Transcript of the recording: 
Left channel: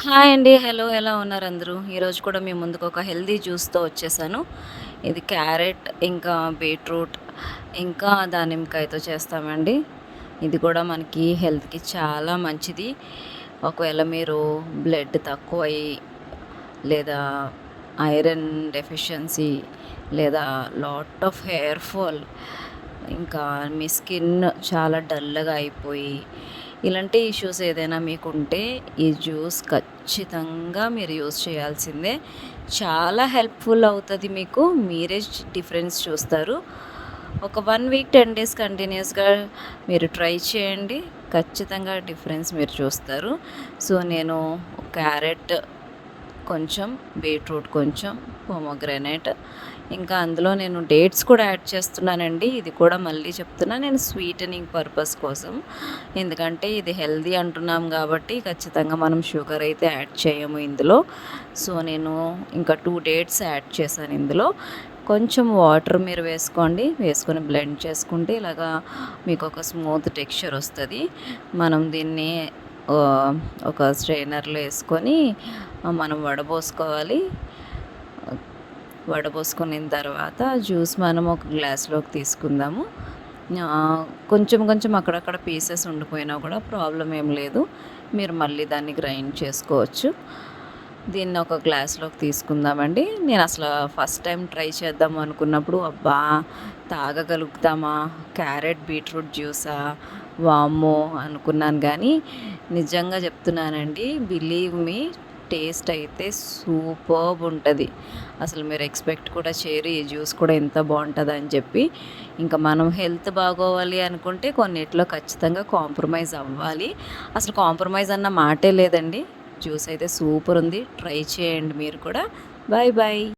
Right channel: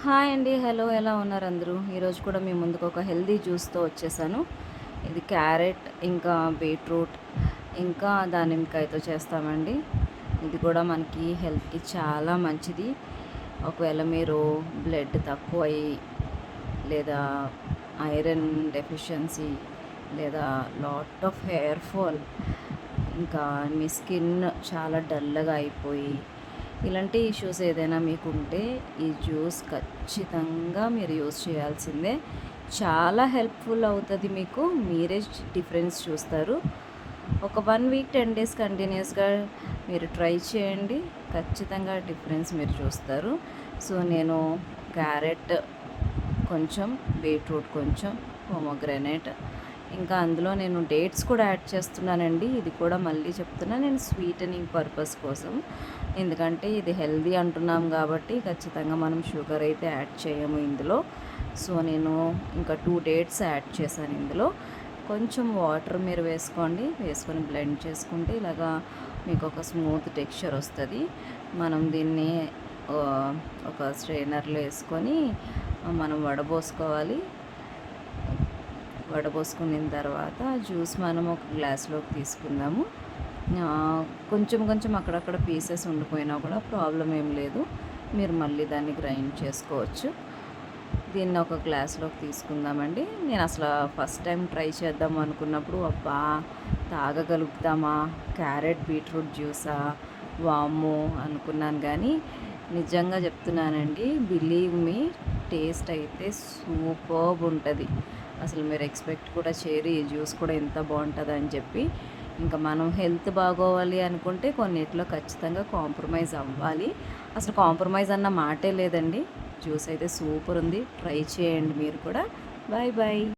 Hi అండి. Hello. ఎలా ఉన్నారు అందరూ? ఈరోజు కూడా మీ ముందుకు ఒక హెల్తీ జ్యూస్‌తో వచ్చేసాను. ఇది క్యారెట్, ఇంకా బీట్రూట్, ఇంకా దానిమ్మకాయతో చేస్తామండి. ఇది కూడా మనకి హెల్త్‌కి చాలా మంచిది. ఒకవేళ మీరు బ్లడ్ తక్కువయ్యి, లేదా ఐరన్ డెఫిషియన్సీ, లేదా లాట్ ఆఫ్ హెయిర్ ఫాల్, ఇంకా మీ స్కిన్ చాలా డల్‌గా అయిపోయి, ఇలాంటి ఇష్యూస్ ఏదైనా మీకుంటే ఈ జ్యూస్ ఖచ్చితంగా మీరు యూజ్ చేయాల్సిందే. చాలా హెల్ప్‌ఫుల్ అవుతది మీకు. మీరే డిఫరెన్స్ చూస్తారు. ఒక 1 వీక్ 10 డేస్ కంటిన్యూస్‌గా మీరు ట్రై చేయండి. ఖచ్చితంగా డిఫరెన్స్ మీరు చూస్తారు. సో, నేను క్యారెట్ కొంచెం, బీట్రూట్ కొంచెం, పోమోగ్రానేట్, ఇంకా అందులో నేను డేట్స్ కూడా యాడ్ చేస్తున్నానండి. ఇది కూడా మళ్ళీ చెప్తున్నా, నేను స్వీటనింగ్ పర్పస్ కోసం. ఎందుకంటే ఇది హెల్తీ అంటున్నాం కాబట్టి ఖచ్చితంగా మనం షుగర్ అయితే యాడ్ చేయము ఇందులో. సో, నేను ఇంకా 2 డేట్స్ యాడ్ చేశాను ఇందులో. కొంచెం వాటర్ మీరు వేసుకోండి. వేసుకొని బ్లెండ్ చేసుకుంటే ఇలాగా మీకు ఒక స్మూత్ టెక్స్చర్ వస్తది. మనం దీన్ని ఒక స్ట్రెయినర్‌లో ఏసుకొని మనం వడబోసుకోవాలి. వడబోసుకున్న తర్వాత జ్యూస్ మనం ఒక గ్లాస్‌లోకి తీసుకుందాము. కొంచెం కొంచెం అక్కడక్కడ పీసెస్ ఉండిపోయినా కూడా ప్రాబ్లమ్ ఏం లేదు. మీరు మళ్ళీ దాన్ని గ్రైండ్ చేసుకోవచ్చు. దీన్ని ఒక గ్లాస్‌లోకి తీసుకుందామండి. నేను అసలు ఫస్ట్ టైం ట్రై చేద్దాం అనుకున్నప్పుడు అబ్బా! తాగగలుగుతామా? క్యారెట్ బీట్రూట్ జ్యూసా? వామ్మో! అనుకున్నాను గానీ నిజంగా చెప్తున్నానండి. బిలీవ్ మీ, టేస్ట్ అయితే సూపర్బ్ ఉంటది. అసలు మీరు ఎక్స్‌పెక్ట్ కూడా చేయరు ఈ జ్యూస్ కూడా ఇంత బావుంటదని చెప్పి. ఇంకా మనం హెల్త్ బాగోవాలి అనుకుంటే కొన్నిట్లో ఖచ్చితంగా కాంప్రమైజ్ అవ్వాలి. అసలు కాంప్రమైజ్ అన్న మాటే లేదండి. జ్యూస్ అయితే సూపర్ ఉంది. ట్రై చేయండి మీరు కూడా. Bye bye.